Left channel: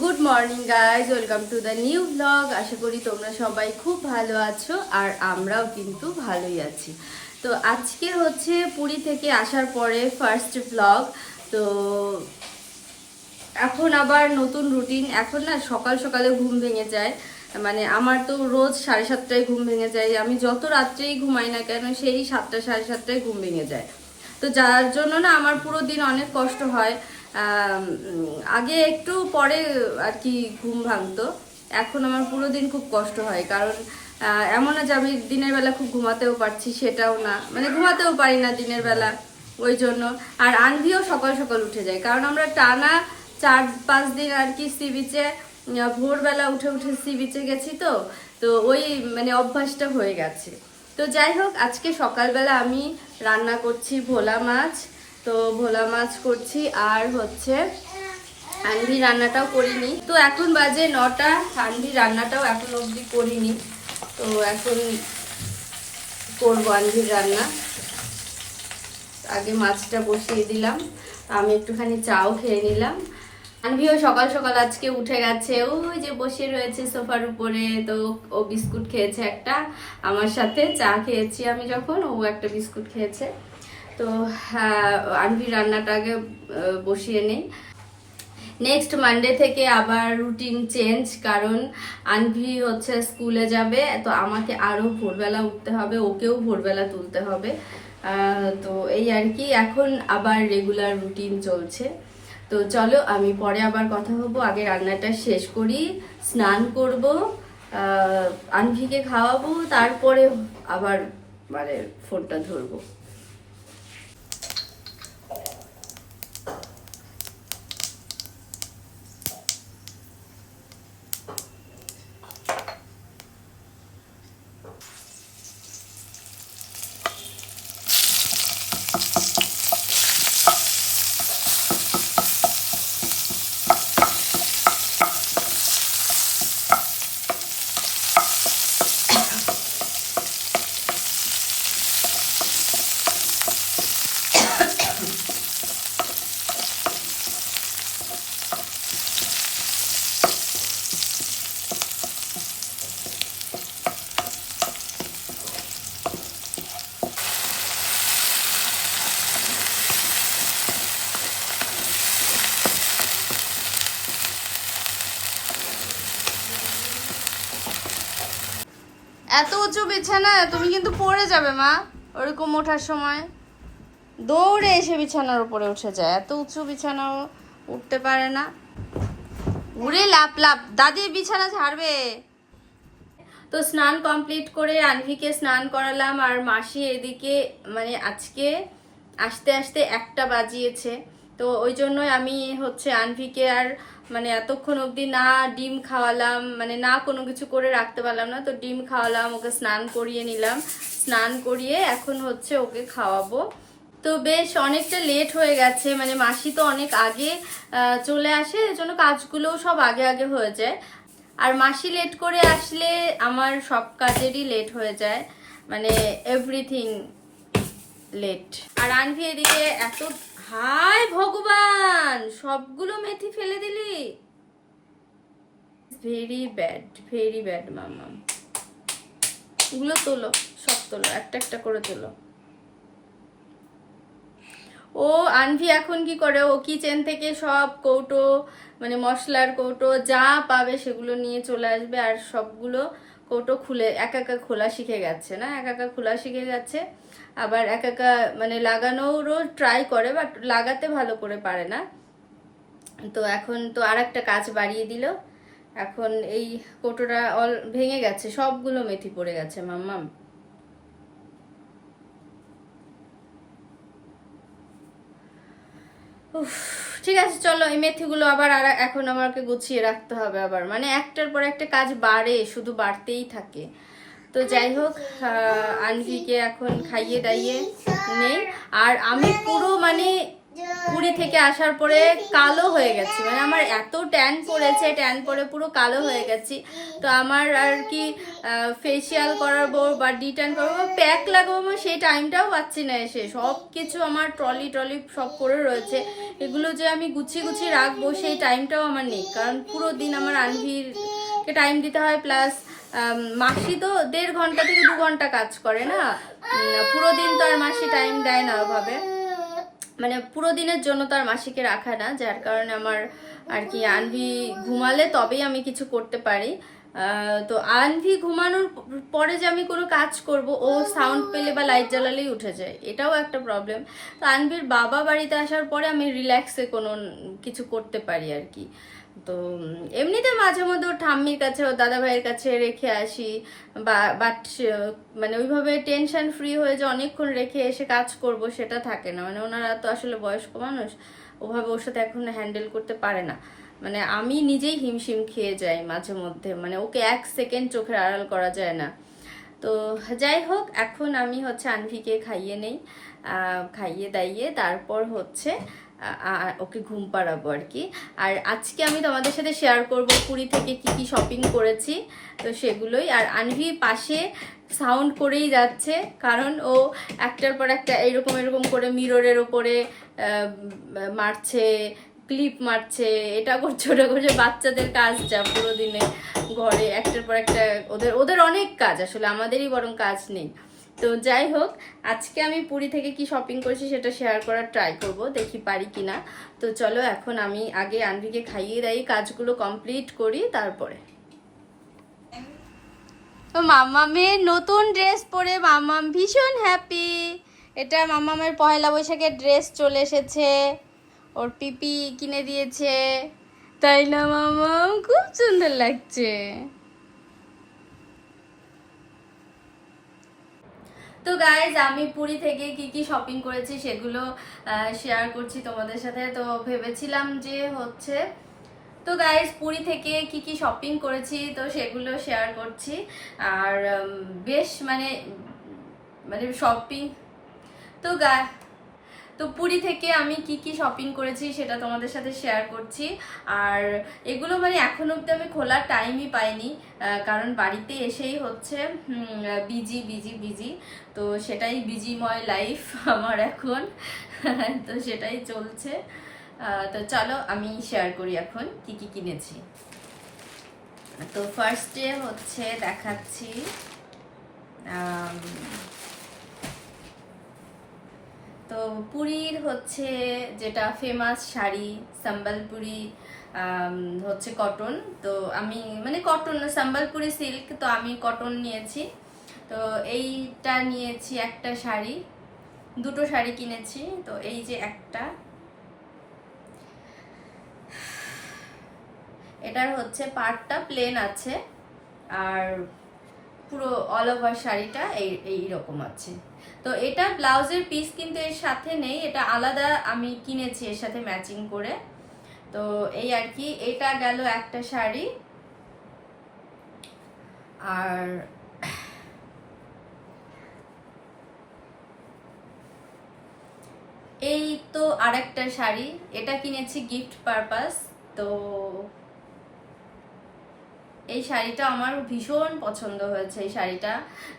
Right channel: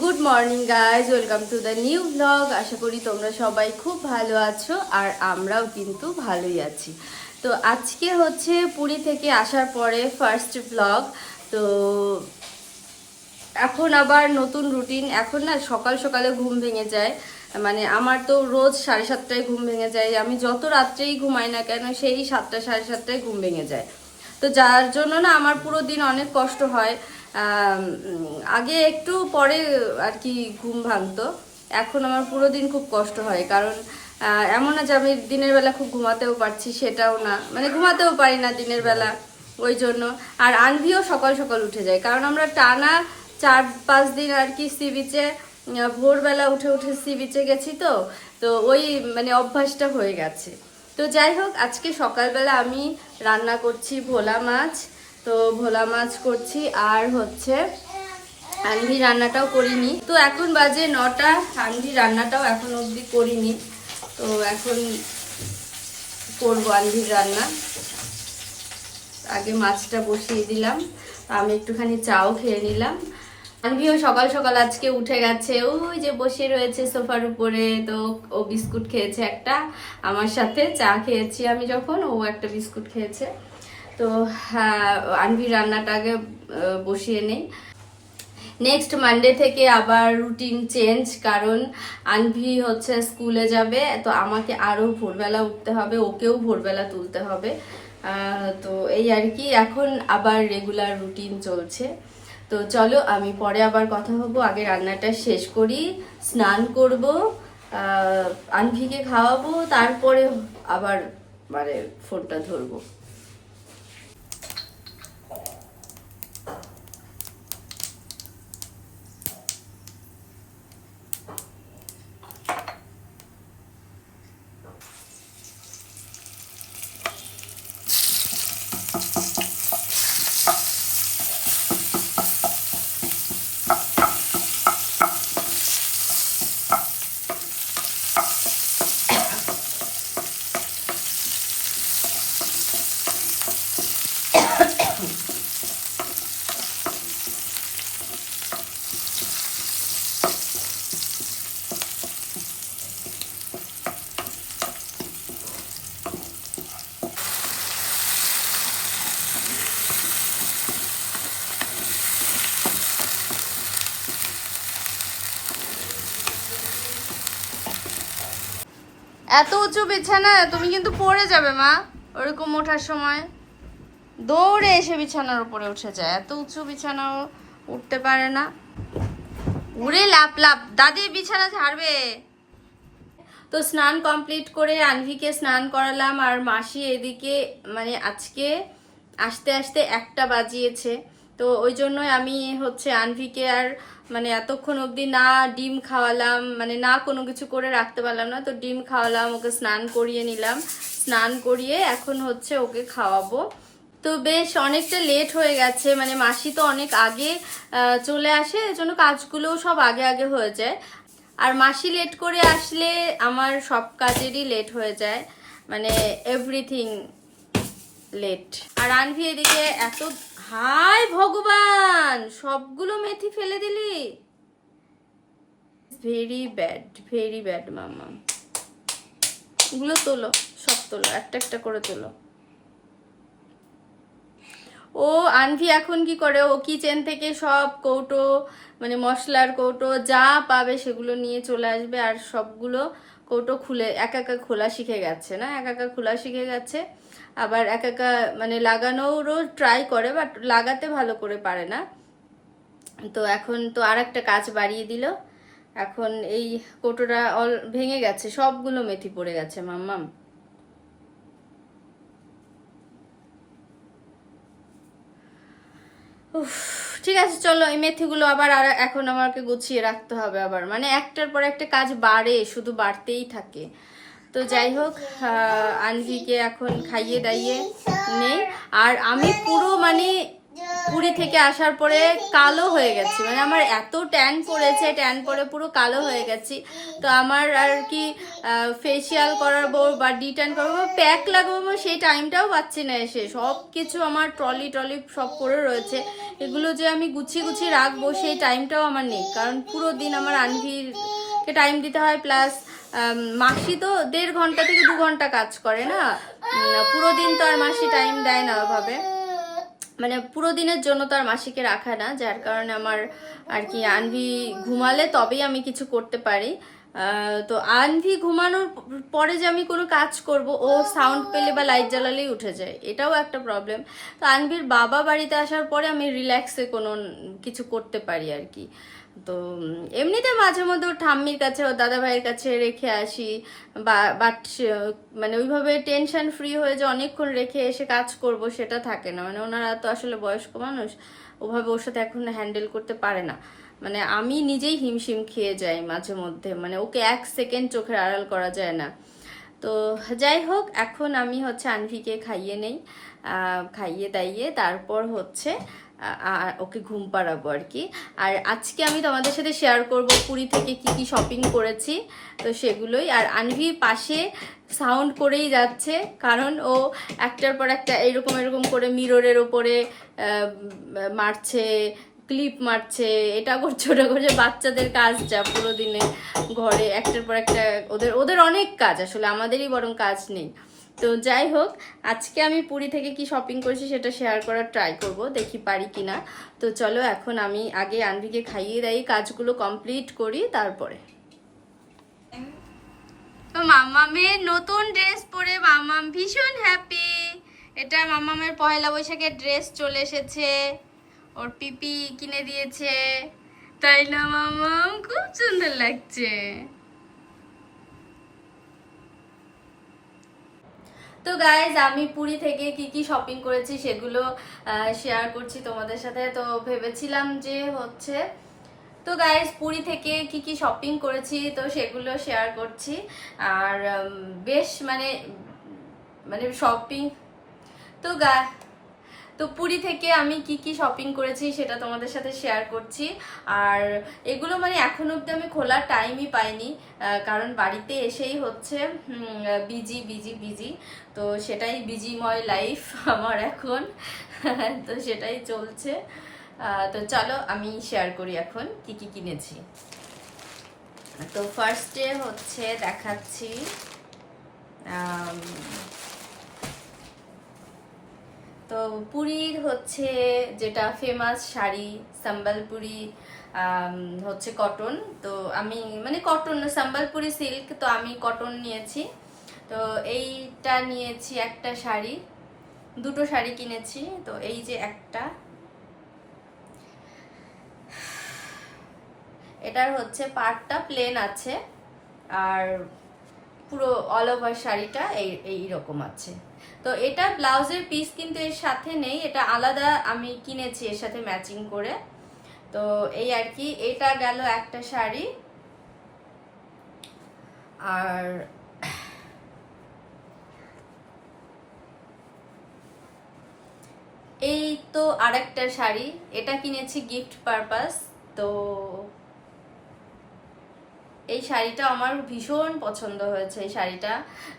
Good morning guys, welcome to the new blog. আশা করি তোমরা সবাই খুব ভালো আছো আর আমরাও কিন্তু ভালোই আছি। তো আজকে হচ্ছে পুরী থেকে আসার পরে ফার্স্ট ব্লগ। তো এখন আবার নতুন রুটিন। এখন না সকাল সকালে ঘুম ভেঙে যায়, মানে আমার তো রোজ 7:30টায় ঘুম ভেঙে যায়। আমি যত রাত্রেই ঘুমাই না কেন সেই 7টা 7:30টায় ঘুম ভেঙে যায়। তো যার জন্য না আমার পুরো দিন অনেক কষ্ট হয়। আগে একটু পরে আর কি ঘুম ভাঙতো, এখন আমার পুরো দিন খুব কষ্ট হয়। কারণ এমন না যে আমি দিনের বেলা খুব ঘুমাতেও পারছি, সেটাও না, মানে ঘুমাতেও পারি না দিনের বেলা ওই জন্য। আর আনভিও সকাল সকাল উঠে যায়, কারণ আমরা টানা 4-5 দিন আর কি সি বিচে ভোরবেলা উঠে উঠে সি বিচে গেছি। তো তো ওই মানে অভ্যাসটা হয়ে গেছে। তো যাই হোক, আজকে সকালবেলা আমি রান্না করছি ভোলা মাছ। তো ভোলা মাছ করছি, আর হচ্ছে আনভি রান্নাটাও করিনি। তো এখন বাজে 9টা, আনভি রান্নাটাও এখন অবধি করিনি। তো এখন করবো আনভির রান্না। আগে মাছটা বসিয়ে দিলাম, আমি একটুখানি চাও খেয়ে নিলাম। আনভিও সকাল সকাল আজকে উঠে গেছে, ওই যে বসে রয়েছে সোফার উপরে। তো ও বিস্কুট খেয়েছে একটা, আমার সাথে চা খেয়েছি আমি যখন, ও একটা বিস্কুট খেয়েছে। তো আনভির রান্নাটাকে বসিয়ে নেই। নেক্সট মানডে থেকে আবার রুটিন চেঞ্জ, কারণ আনভি হচ্ছে স্কুলে যাবে। তো আমাকে আরও ভোরবেলা উঠতে হবে, ওকেও ভোরবেলা তুলতে হবে। তো এই আর কি, এখন আবার রেগুলার রুটিন চলছে। তো চলো, আমি পরে আবার কথা হবো। আগে রান্নাটা শেষ করি, স্নান করব, আনভিকে খাওয়াবো, তারপরে আবার মানে ফোনটা ধরবো। এত উঁচু বিছানা, তুমি কিন্তু পড়ে যাবে মা। ওরকম ওঠার সময় দৌড়ে এসে বিছানার উপরে উঠে যায়, এত উঁচু বিছানাও উঠতে পারে না। উড়ে লাপ লাপ, দাদি বিছানা ঝাড়বে। তো স্নান কমপ্লিট করে আনভিকে স্নান করালাম, আর মাসি এদিকে মানে আজকে আসতে আসতে 1টা বাজিয়েছে। তো ওই জন্যই আমি হচ্ছে আনভিকে আর মানে এতক্ষণ অবধি না ডিম খাওয়ালাম, মানে না কোনো কিছু করে রাখতে পারলাম না। তো ডিম খাওয়ালাম, ওকে স্নান করিয়ে নিলাম, স্নান করিয়ে এখন হচ্ছে ওকে খাওয়াবো। তো বেশ অনেকটা লেট হয়ে গেছে, মানে মাসি তো অনেক আগে চলে আসে, এজন্য কাজগুলোও সব আগে আগে হয়ে যায়। আর মাসি লেট করে আসলে আমার সব কাজেরই লেট হয়ে যায়, মানে এভরিথিং লেট। আর আনভি এদিকে এত, হায় ভগবান, সবগুলো মেথি ফেলে দিলি। ভেরি ব্যাড, ভেরি ব্যাড মাম্মা। এগুলো তোলো, সব তোলো, একটা একটা করে তোলো। ও আনভি এখন কি করে, ও কিচেন থেকে সব কৌটো, মানে মশলার কৌটো যা পাবে সেগুলো নিয়ে চলে আসবে, আর সবগুলো কৌটো খুলে একা একা খোলা শিখে গেছে। না, একা একা খোলা শিখে গেছে, আবার একা একা মানে লাগানোরও ট্রাই করে, বাট লাগাতে ভালো করে পারে না। তো এখন তো আর একটা কাজ বাড়িয়ে দিল, এখন এই কৌটোটা ভেঙে গেছে, সবগুলো মেথি পড়ে গেছে মাম্মাম। ঠিক আছে, চলো এই মেথিগুলো আবার আর এখন আমাকে গুছিয়ে রাখতে হবে আবার, মানে একটার পর একটা কাজ বাড়ে, শুধু বাড়তেই থাকে। তো যাই হোক, আনভিকে এখন খাইয়ে দাইয়ে নেই। আর আমি পুরো মানে পুরী থেকে আসার পরে কালো হয়ে গেছি, মানে আমার এত ট্যান পড়েছে, ট্যান পরে পুরো কালো হয়ে গেছি। তো আমার আর কি ফেসিয়াল করাবো বা ডিট্যান করবো, প্যাক লাগাবো, সেই টাইমটাও পাচ্ছি না এসে। সব কিছু আমার ট্রলি সব পড়ে রয়েছে, এগুলো যে আমি গুছিয়ে গুছিয়ে রাখবো সেই টাইমটাও আমার নেই, কারণ পুরো দিন আমার আনভিরকে টাইম দিতে হয়। প্লাস মাসি তো 1.5 ঘন্টা থেকে 2 ঘন্টা কাজ করে না, পুরো দিন তো আর মাসি টাইম দেয় না ওভাবে, মানে পুরো দিনের জন্য তো আর মাসিকে রাখা না, যার কারণে আমার আর কি আনভি ঘুমালে তবেই আমি কিছু করতে পারি। তো আনভি ঘুমানোর পরে যে আমি কোনো কাজ করব, ও সাউন্ড পেলে বা লাইট জ্বালালেই উঠে যায়, এটাও একটা প্রবলেম। তো আনভির বাবা বাড়িতে আসার পরে আমি রিল্যাক্সে কোনো কিছু করতে পারি আর কি। তো এমনিতে মাঝে মধ্যে ওর ঠাম্মির কাছে, ওর দাদা ভাইয়ের কাছে রেখে আসি, বাট মানে ওইভাবে টেনশন ফ্রি হয়ে যে অনেকক্ষণ রেখে এসে কাজ করব সেটা থাকে না। মানে ওনারা তো আসলে বয়স্ক মানুষ, ওভাবে ওর সাথে এখন হ্যান্ডেল করতে পারে না। মানে আমি নিজেই হিমশিম খেয়ে যাই মাঝে মধ্যে, মানে ওকে 1 সেকেন্ড চোখের আড়াল করা যায় না। তো যাই হোক, এখন আমি হচ্ছে আনভিকে খাইয়ে নেই, খাইয়ে দাইয়ে তারপর হচ্ছে ওকে ঘুম পাড়াবো আর কি। আর আজকে আমি তোমাদের সাথে শেয়ার করব পুরী থেকে কি কি শপিং করেছি, তো সেগুলোই। আর আনভি পাশে সাউন্ড করেই যাচ্ছে, কারণ ও একটার পর একটা এরকম এরকম করে মিররের ওপরে মারছে, ক্লিপ মারছে, এটা করছে ওটা করছে। বাচ্চাদের কাজ যা পুরো দিনে ঘরে একটার পর একটা, ওদের অনেক কাজ, আসলে আমাদেরই বরং কাজ নেই। তো যাই হোক, আজকে আমি পুরী থেকে কি শপিং করেছি সেটা শেয়ার করার ট্রাই করব, দেখি পারি কিনা। তো চলো, এখন আমি আগে আনভিকে খাইয়ে দেই, কাজগুলো কমপ্লিট করি তারপরে। মামামের নতুন ড্রেস পরে মামাম ভীষণ হ্যাপি। এটা মামামের পয়লা বৈশাখের ড্রেস চলে এসেছে, ওর পিপি কিনে দিয়েছে, তাই না মামাম? খুব সুন্দর লাগছে। তো গাইজ, আমি পুরী থেকে কি কি শপিং করেছি সেগুলো শেয়ার করছি তোমাদের সাথে। তো ভেবেছিলাম যে হচ্ছে, তো গাইজ পুরী থেকে কি কি শপিং করেছি তো সেগুলো শেয়ার করছি। আর বেশ মানে মানে শপিং তো তো পুরী থেকে আমি কি কি শপিং করেছি সেটা তোমাদের সাথে শেয়ার করছি। আর এগুলো মানে এখন অব্দি আমি খোলার টাইমই পাইনি, কারণ বাড়িতে এসেই হচ্ছে বিজি বিজি বিজি, তো সেটাই বিজিময় লাইফ আমার এখন। তো সেটাই চলছে। তো চলো আমি শেয়ার করি এখন কি কি কিনেছি। তো ফার্স্টে হচ্ছে দেখাচ্ছি তো পুরীর হচ্ছে যেটা ফেমাস শাড়ি সম্বলপুরি, হচ্ছে কটন। তো আমি মানে কটন সম্বলপুরি সিল্ক, তো আমি কটন নিয়েছি। তো এইটা নিয়েছি একটা শাড়ি, দুটো শাড়ি কিনেছি। তো এই যে একটা, এটার হচ্ছে পাড়টা প্লেন আছে, আর পুরো অল ওভার শাড়িটা এই রকম আছে। তো এটা ব্লাউজের পিস কিন্তু এর সাথে নেই, এটা আলাদা আমি কিনেছি এর সাথে ম্যাচিং করে। তো এই আর কি, এটা গেল একটা শাড়ি। আর এই তো আরেকটা শাড়ি, এটা কিনেছি গিফট পারপাস। তো এই শাড়িটা আমার ভীষণ পছন্দ হয়েছে, এই শাড়িটা।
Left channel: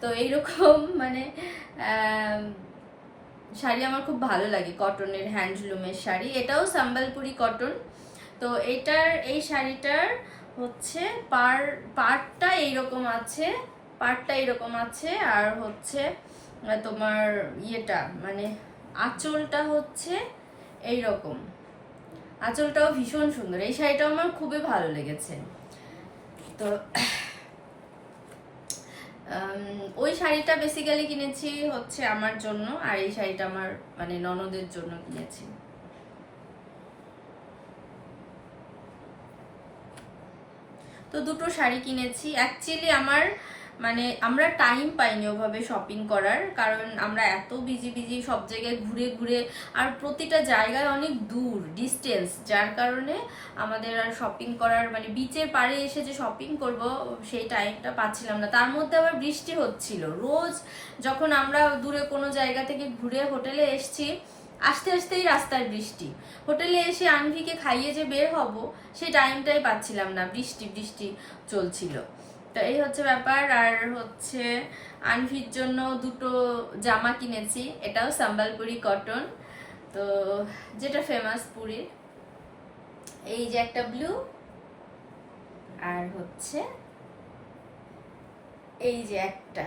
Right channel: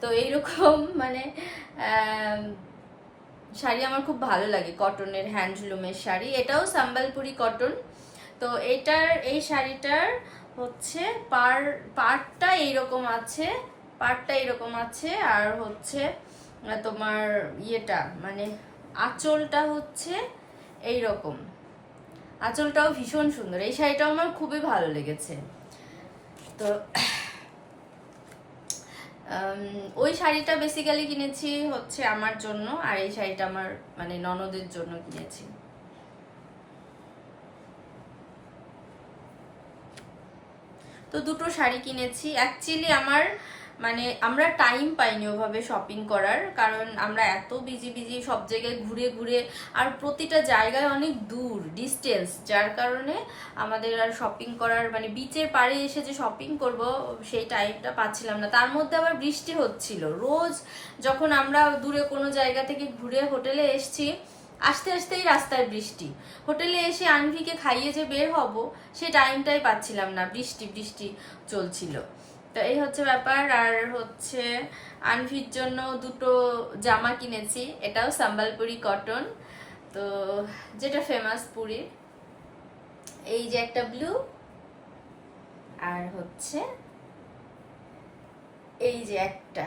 তো এইরকম মানে শাড়ি আমার খুব ভালো লাগে, কটনের হ্যান্ডলুমের শাড়ি, এটাও সম্বলপুরি কটন। তো এই শাড়িটার হচ্ছে পাড়টা এইরকম আছে, পাড়টা এইরকম আছে। আর হচ্ছে তোমার ইয়েটা মানে আঁচলটা হচ্ছে এইরকম, আঁচলটাও ভীষণ সুন্দর। এই শাড়িটাও আমার খুবই ভালো লেগেছে। তো ওই শাড়িটা বেসিক্যালি কিনেছি হচ্ছে আমার জন্য, আর এই শাড়িটা আমার মানে ননদের জন্য কিনেছি। তো দুটো শাড়ি কিনেছি। অ্যাকচুয়ালি আমার মানে আমরা টাইম পাইনি ওভাবে শপিং করার, কারণ আমরা এত বিজি বিজি সব জায়গায় ঘুরে ঘুরে, আর প্রতিটা জায়গায় অনেক দূর ডিস্টেন্স, যার কারণে আমাদের আর শপিং করার মানে বিচের পাড়ে এসে যে শপিং করব সেই টাইমটা পাচ্ছিলাম না। তার মধ্যে আবার বৃষ্টি হচ্ছিল। রোজ যখন আমরা দূরে কোনো জায়গা থেকে ঘুরে হোটেলে এসছি, আসতে আসতেই রাস্তায় বৃষ্টি। হোটেলে এসে আনভিকে খাইয়ে যে বের হব সেই টাইমটাই পাচ্ছিলাম না, বৃষ্টি বৃষ্টি চলছিল। তো এই হচ্ছে ব্যাপার। আর হচ্ছে আনভির জন্য দুটো জামা কিনেছি, এটাও সম্বলপুরি কটন, তো যেটা ফেমাস পুরীর। এই যে একটা ব্লু, আর হচ্ছে এই যে একটা,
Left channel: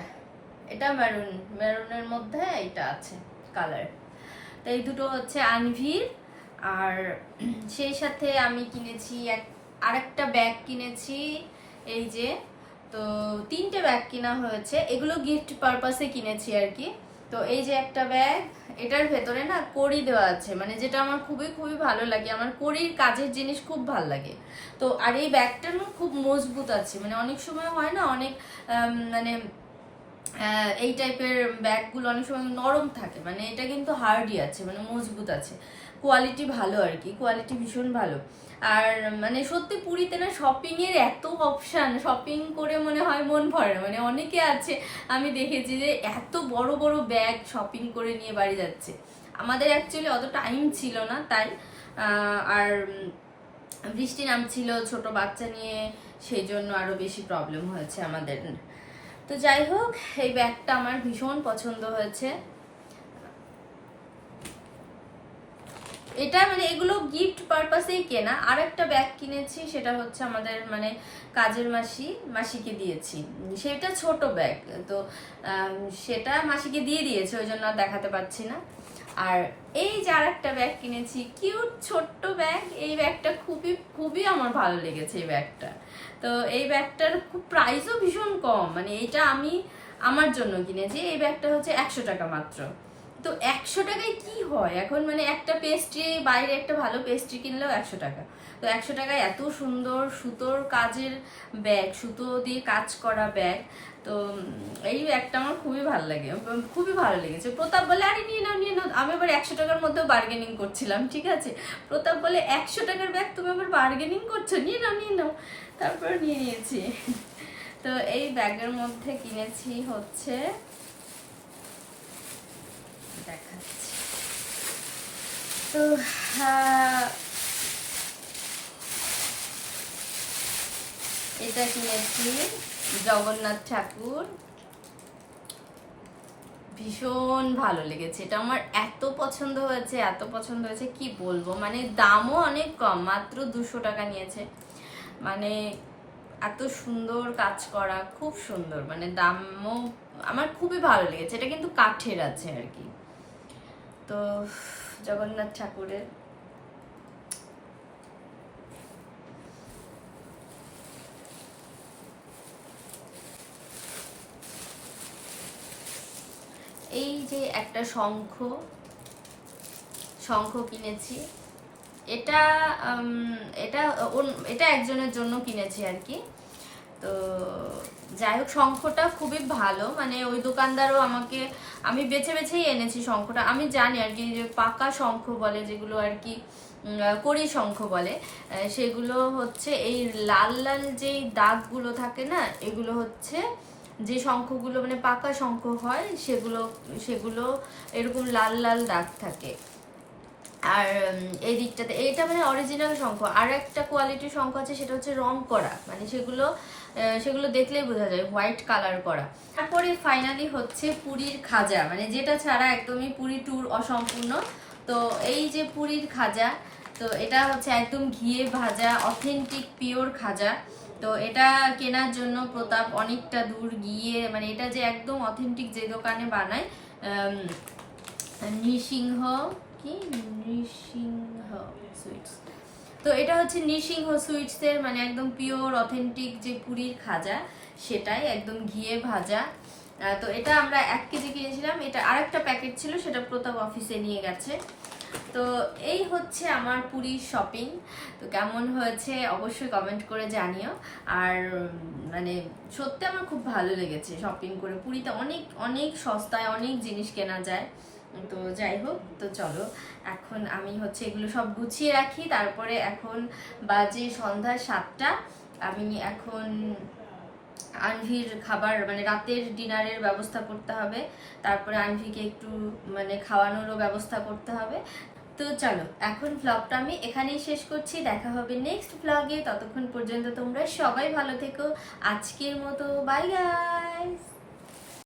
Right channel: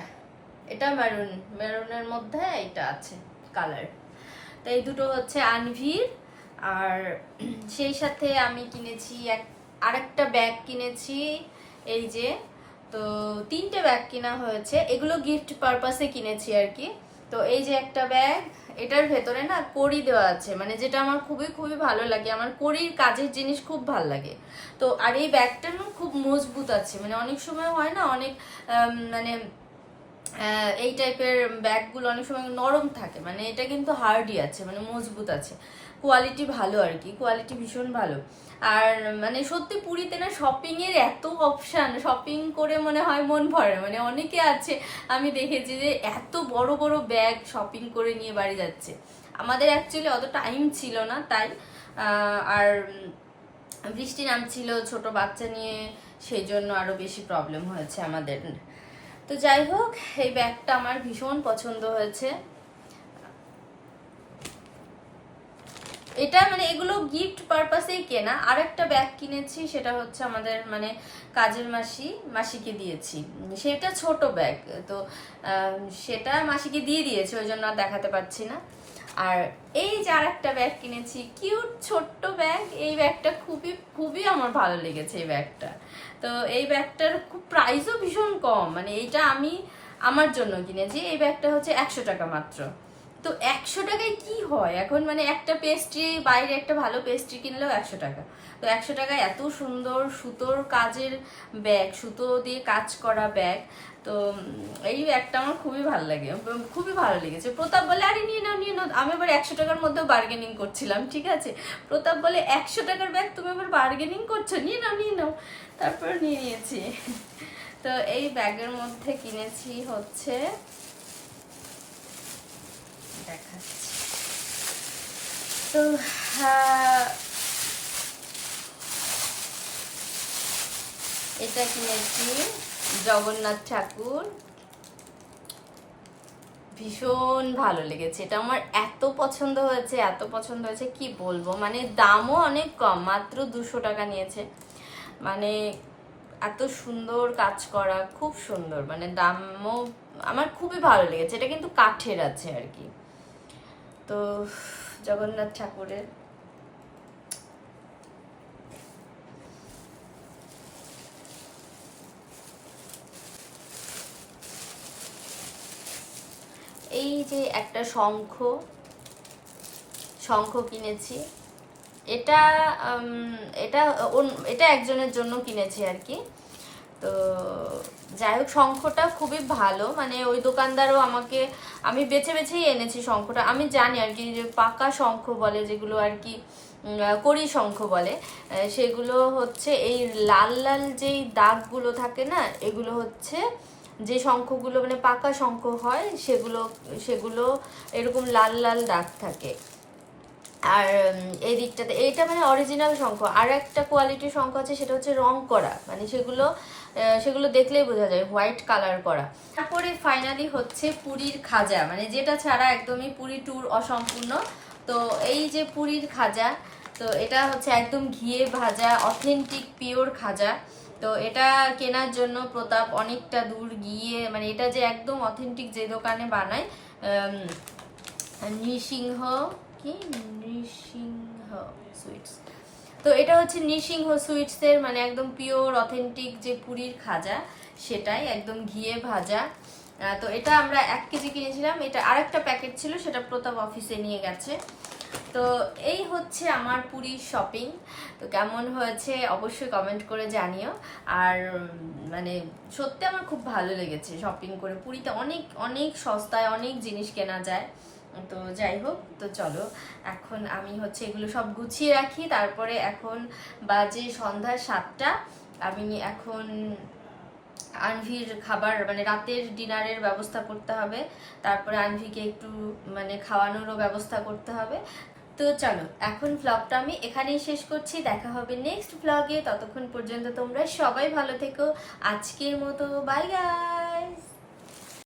এটা মেরুন, মেরুনের মধ্যে এটা আছে কালার। তো এই দুটো হচ্ছে আনভির। আর সেই সাথে আমি কিনেছি আরেকটা ব্যাগ কিনেছি, এই যে। তো 3টে ব্যাগ কেনা হয়েছে, এগুলো গিফট পারপাসে কিনেছি আর কি। তো এই যে একটা ব্যাগ, এটার ভেতরে না কড়ি দেওয়া আছে, মানে যেটা আমার খুবই খুবই ভালো লাগে, আমার কড়ির কাজের জিনিস খুব ভালো লাগে। তো আর এই ব্যাগটা না খুব মজবুত আছে, মানে অনেক সময় হয় না অনেক মানে এই টাইপের ব্যাগগুলো অনেক সময় নরম থাকে, মানে এটা কিন্তু হার্ডই আছে, মানে মজবুত আছে, কোয়ালিটি ভালো আর কি, কোয়ালিটি ভীষণ ভালো। আর মানে সত্যি পুরীতে না শপিং এর এত অপশন, শপিং করে মনে হয় মন ভরে। মানে অনেকে আছে আমি দেখেছি যে এত বড় বড় ব্যাগ শপিং করে নিয়ে বাড়ি যাচ্ছে। আমাদের অ্যাকচুয়ালি অত টাইম ছিল না তাই, আর বৃষ্টি নামছিল ছোট বাচ্চা নিয়ে, সেই জন্য আরো বেশি প্রবলেম হয়েছে আমাদের। তো যাই হোক, এই ব্যাগটা আমার ভীষণ পছন্দ হয়েছে। এটা মানে এগুলো গিফট পারপাসেই কেনা। আর একটা ব্যাগ কিনেছি, সেটা হচ্ছে আমাদের মানে কাজের মাসিকে দিয়েছি, সেটা ছোট ব্যাগ, তো সেটা মাসিকে দিয়ে দিয়েছে, ওই জন্য দেখাতে পাচ্ছি না। আর এই যে আর একটা ব্যাগ কিনেছি, কিউট ছোট্ট ব্যাগ, এই ব্যাগটা খুবই খুবই আমার ভালো লেগেছে এই ব্যাগটা। তো এই ব্যাগটার খুব প্রাইসও ভীষণ কম, মানে এইটা আমি আমার জন্য কিনেছি। এই ব্যাগটা হচ্ছে 100 টাকা মাত্র। তো 100 টাকায় কি হয় এখন, মানে একটা পেস্ট্রি, বাইরে একটা ভালো পেস্ট্রি কিনলেও 100 টাকা। তো 100 টাকায় এত সুন্দর সুতোর কাজের ব্যাগ, সুতো দিয়ে কাজ করা ব্যাগ, তো এই ব্যাগটা আমার খুবই ভালো লাগে, খুবই ভালো লেগেছে। প্রতাপ বলে আরে নিয়ে নাও নিয়ে নাও, আমি আবার 100 টাকার মধ্যেও বার্গেনিং করছিলাম, ঠিক আছে। প্রতাপ বলে 100 টাকার ব্যাগ তুমি আবার বার্গেনিং করছো, নিয়ে নাও নিয়ে নাও, তারপর নিয়ে নিয়েছি। তো এই ব্যাগের মধ্যে কিনেছি হচ্ছে, দেখাচ্ছি। তো এটা কিনেছি জগন্নাথ ঠাকুর, ভীষণ ভালো লেগেছে, এটা আমার এত পছন্দ হয়েছে, এত পছন্দ হয়েছে কি বলবো। মানে দামও অনেক কম, মাত্র 200 টাকা নিয়েছে। মানে এত সুন্দর কাজ করা, খুব সুন্দর, মানে দামও আমার খুবই ভালো লেগেছে। এটা কিন্তু কাঠের আছে আর কি। তো জগন্নাথ ঠাকুরের এই যে একটা শঙ্খ কিনেছি, এটা এটা এটা একজনের জন্য কিনেছি আর কি। তো যাই হোক, শঙ্খটা খুবই ভালো, মানে ওই দোকানদারও আমাকে, আমি বেছে বেছেই এনেছি শঙ্খটা। আমি জানি আর কি যে পাকা শঙ্খ বলে যেগুলো আর কি, কড়ি শঙ্খ বলে, সেগুলো হচ্ছে এই লাল লাল যেই দাগগুলো থাকে না, এগুলো হচ্ছে যে শঙ্খগুলো মানে পাকা শঙ্খ হয়, সেগুলো সেগুলো এরকম লাল লাল দাগ থাকে। আর এই দিকটাতে এইটা মানে অরিজিনাল শঙ্খ। আর একটা কোয়ালিটির শঙ্খ আছে, সেটা হচ্ছে রং করা, মানে সেগুলো দেখলেই বোঝা যায় হোয়াইট কালার করা। তারপরে ফাইনালি হচ্ছে পুরীর খাজা, মানে যেটা ছাড়া একদমই পুরী ট্যুর অসম্পূর্ণ। তো এই যে পুরীর খাজা, তো এটা হচ্ছে একদম ঘিয়ে ভাজা অথেন্টিক পিওর খাজা। তো এটা কেনার জন্য প্রতাপ অনেকটা দূর গিয়ে, মানে এটা যে একদম অথেন্টিক যে দোকানে বানায়, নৃসিংহ কি নৃসিংহ সুইটস, তো এটা হচ্ছে নৃসিংহ সুইটসের মানে একদম পিওর অথেন্টিক যে পুরীর খাজা, সেটাই একদম ঘিয়ে ভাজা। তো এটা আমরা 1 কেজি কিনেছিলাম, এটা আরেকটা প্যাকেট ছিল, সেটা প্রতাপ অফিসে নিয়ে গেছে। তো এই হচ্ছে আমার পুরীর শপিং। তো কেমন হয়েছে অবশ্যই কমেন্ট করে জানিও। আর মানে সত্যি আমার খুব ভালো লেগেছে শপিং করে, পুরীতে অনেক অনেক সস্তায় অনেক জিনিস কেনা যায়। তো যাই হোক, তো চলো এখন আমি হচ্ছে এগুলো সব গুছিয়ে রাখি। তারপরে এখন বাজে সন্ধ্যা 7টা, আমি এখন আনভির খাবার মানে রাতের ডিনারের ব্যবস্থা করতে হবে, তারপরে আনভিকে একটু মানে খাওয়ানোরও ব্যবস্থা করতে হবে। তো চলো এখন ভ্লগটা আমি এখানেই শেষ করছি, দেখা হবে নেক্সট ভ্লগে। ততক্ষণ পর্যন্ত তোমরা সবাই ভালো থেকো, আজকের মতো বাই গাই।